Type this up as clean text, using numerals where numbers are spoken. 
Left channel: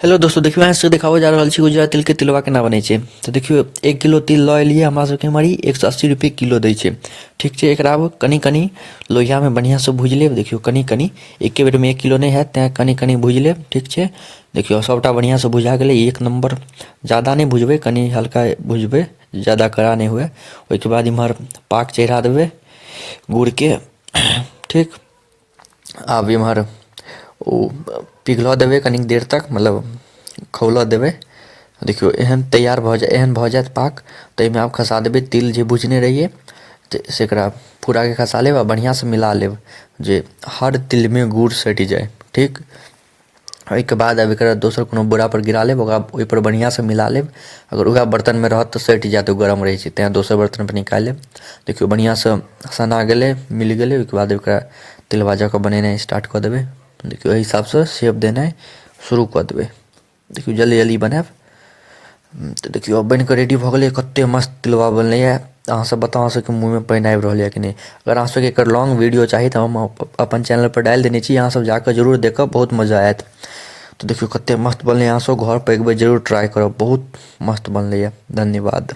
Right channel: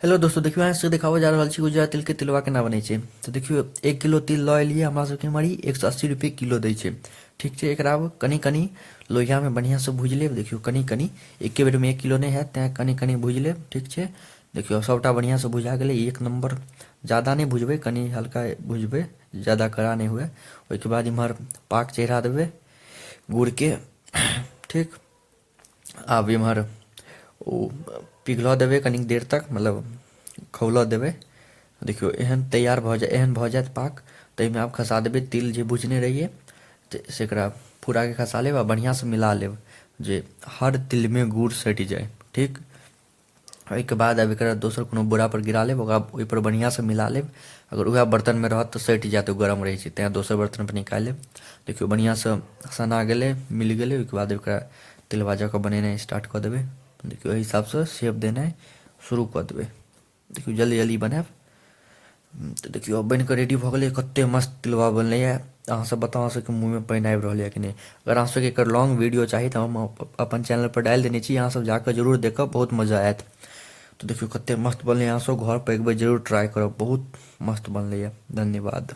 Hello दोस्तों, देखियो यहाँ से देखाबो जा रहल छी गुजरात तिल के तिलवा केना बनै छै। तो देखियो 1 किलो तिल लऽ एलियै, हमरा सबके मारी 180 रुपये किलो दै छै। ठीक छै, एकरा आब कनी कनी लोहिया में बढ़िया से भूज लेब। देखियो कनी कनी एके बेर में 1 किलो नहीं हैत, तें कनी कनी भूज लेब। ठीक छै, देखियो सबटा बढ़िया से भुजा गेलै, एक नंबर। ज़्यादा नहीं भुजबै, कनी हल्का भुजबै, ज़्यादा कड़ा नहीं हुए। ओहिके बाद इम्हर पाक चढ़ा देबै गुड़ के। ठीक, आब इम्हर ओ पिघलऽ देबै कनिक देर तक, मतलब खौलऽ देबै। देखियो एहन तैयार भऽ जाए, एहन भऽ जाएत पाक, ताहिमे आब खसा देबै तिल जे भुजने रहिए, से एकरा पूराके खसा लेब आ बढ़िआँसँ मिला लेब, जे हर तिलमे गुड़ सटि जाए। ठीक, ओहिके बाद अब एकरा दोसर कोनो बोरापर गिरा लेब, ओकरा ओहिपर बढ़िआँसँ मिला लेब। अगर उएह बर्तनमे रहत तऽ सटि जाएत, ओ गरम रहै छै, तेँ दोसर बर्तनपर निकालि लेब। देखियो बढ़िआँसँ सना गेलै, मिल गेलै। ओहिके बाद एकरा तिलवा जकाँ बनेनाइ स्टार्ट कऽ देबै। देखियो एहि हिसाबसँ शेप देनाइ शुरू कऽ देबै। देखियो जल्दी जल्दी बनाएब। तऽ देखियो अब बनि कऽ रेडी भऽ गेलै। कतेक मस्त तिलवा बनलैए, अहाँसब बताउ, अहाँसबके मुँहमे पानि आबि रहल यए कि नहि। अगर अहाँसबके एकर लॉन्ग वीडियो चाही तऽ हम अपन चैनलपर डालि देने छी, अहाँसब जाकऽ जरूर देखब, बहुत मजा आएत। तऽ देखियो कतेक मस्त बनलै, अहाँसब घरपर एक बेर जरूर ट्राइ करब, बहुत मस्त बनलैए। धन्यवाद।